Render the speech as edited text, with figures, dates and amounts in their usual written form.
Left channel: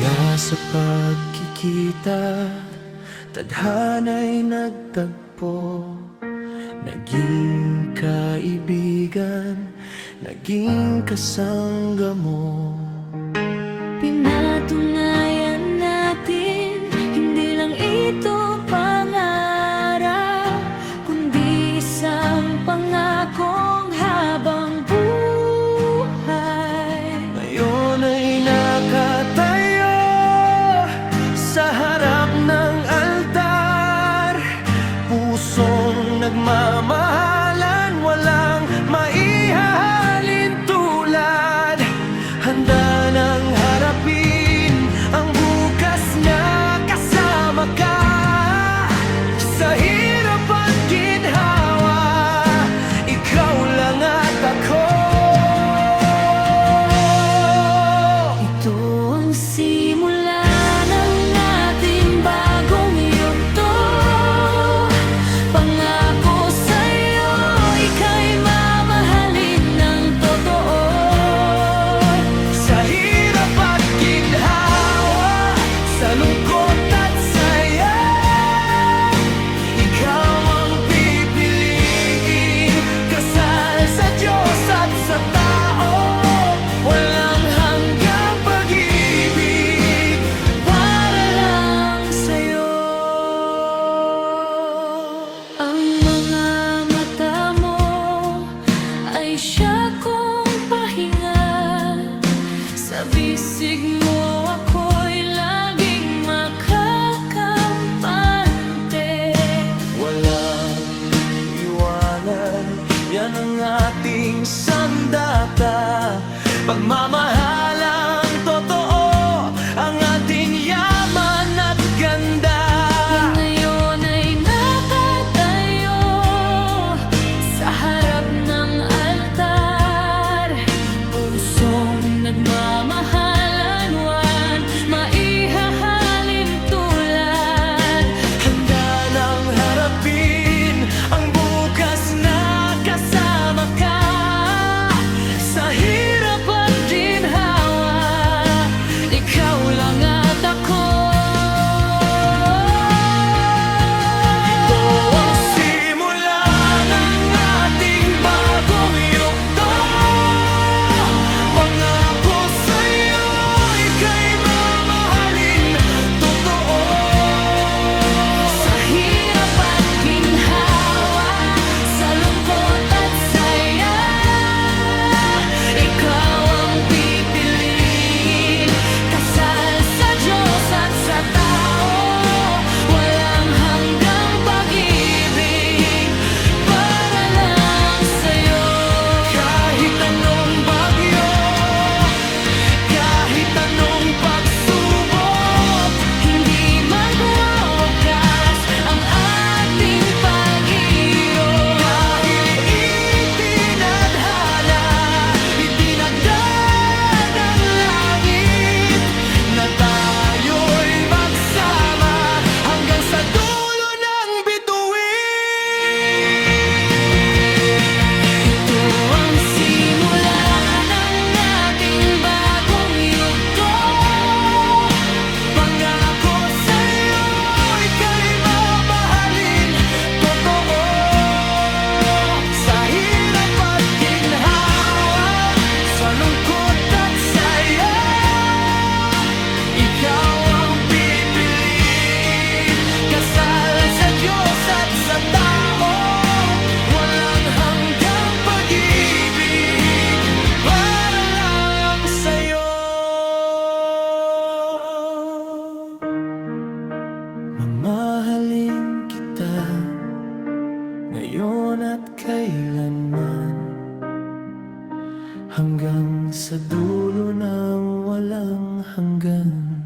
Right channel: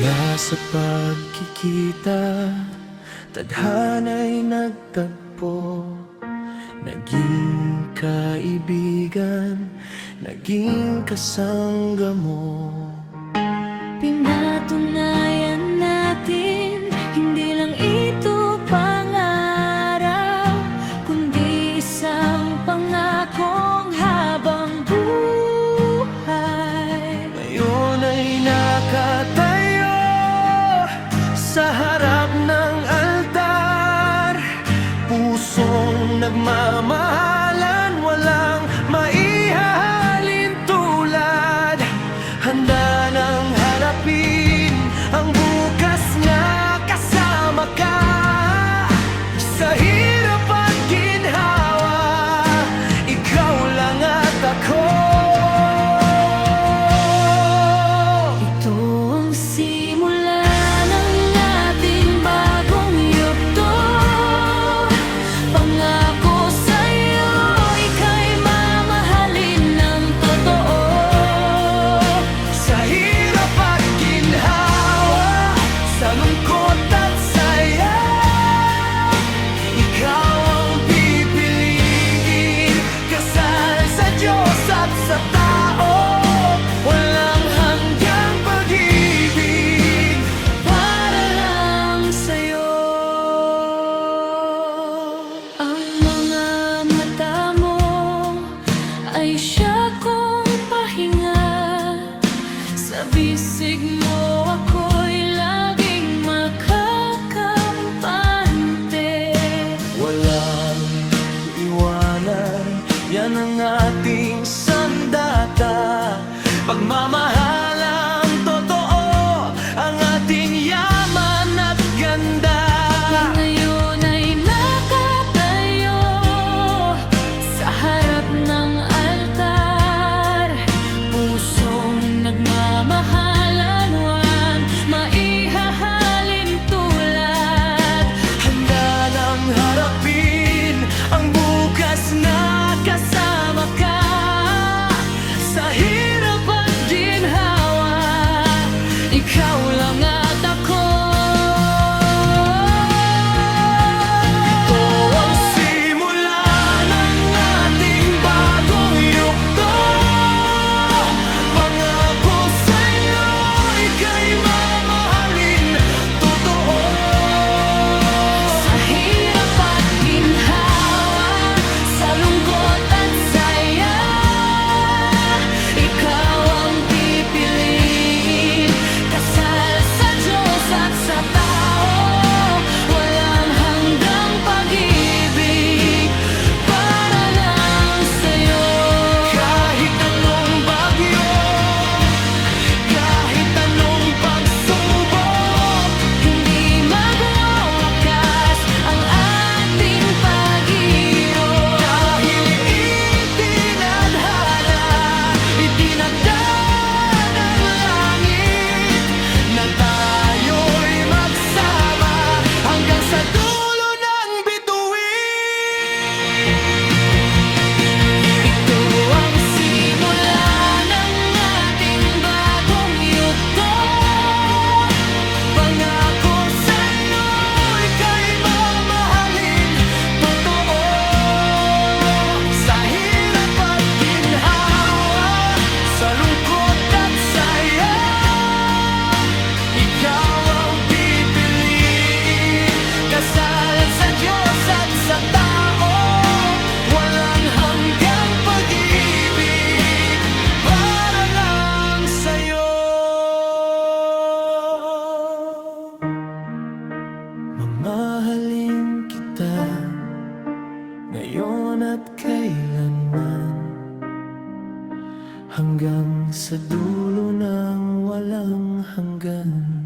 Mula sa pagkikita, tadhana'y nagtagpo. Naging kaibigan, naging kasangga mo. Pinatunayan natin, hindi lang ito pangarap, kundi isang pangakong habang buhay. Ngayon ay nakatayo sa harap ng altar, pusong nagmamahalan, walang maihahalin tulad. Handa nang harapin ang bukas na kasama ka. Sa hirap at ginhawa, ikaw lang at ako. Ito ang simula ng ating bagong yugto. Pangako sa'yo, ika'y mamahalin ng totoo. Sa hirap at ginhawa, sa lungkot at saya, ikaw ang pipiliin. Kasal sa Diyos at sa tao, walang hanggang pag-ibig Para lang sa'yo. Ang mga mata mo ay siya kong pahinga. Sa bisig mo ako'y laging makakampante. walang iwanan, yan ang ating sandata. Pagmamahalang totoo, ang ating yaman at ganda. Ngayon ay nakatayo sa harap ng altar, pusong nagmamahalan, walang maihahalin tulad. Handa nang harapin ang bukas na kasama ka. Sa hirap at ginhawa, ikaw lang at ako. Ito ang simula ng ating bagong yugto. Pangako sa'yo, ika'y mamahalin totoo. Sa hirap at ginhawa, sa lungkot at saya, ikaw ang pipiliin. Kasal sa Diyos at sa tao, walang hanggang pag-ibig para lang sa'yo. Kahit anong bagyo, kahit anong pagsubok, Hindi magwawakas ang ating pag-iiro. dahil itinadhana, itinagda ng langit, na tayo'y magsama hanggang sa dulo ng bituin. Ito ang simula ng ating bagong yugto. Pangako sa'yo, ika'y mamahalin totoo. Sa hirap at ginhawa, sa lungkot at saya, ikaw ang pipiliin. Kasal sa Diyos at sa tao, walang hanggang pag-ibig para lang sa'yo. Mamahalin kita ngayon at kailanman, hanggang sa dulo ng walang hanggan.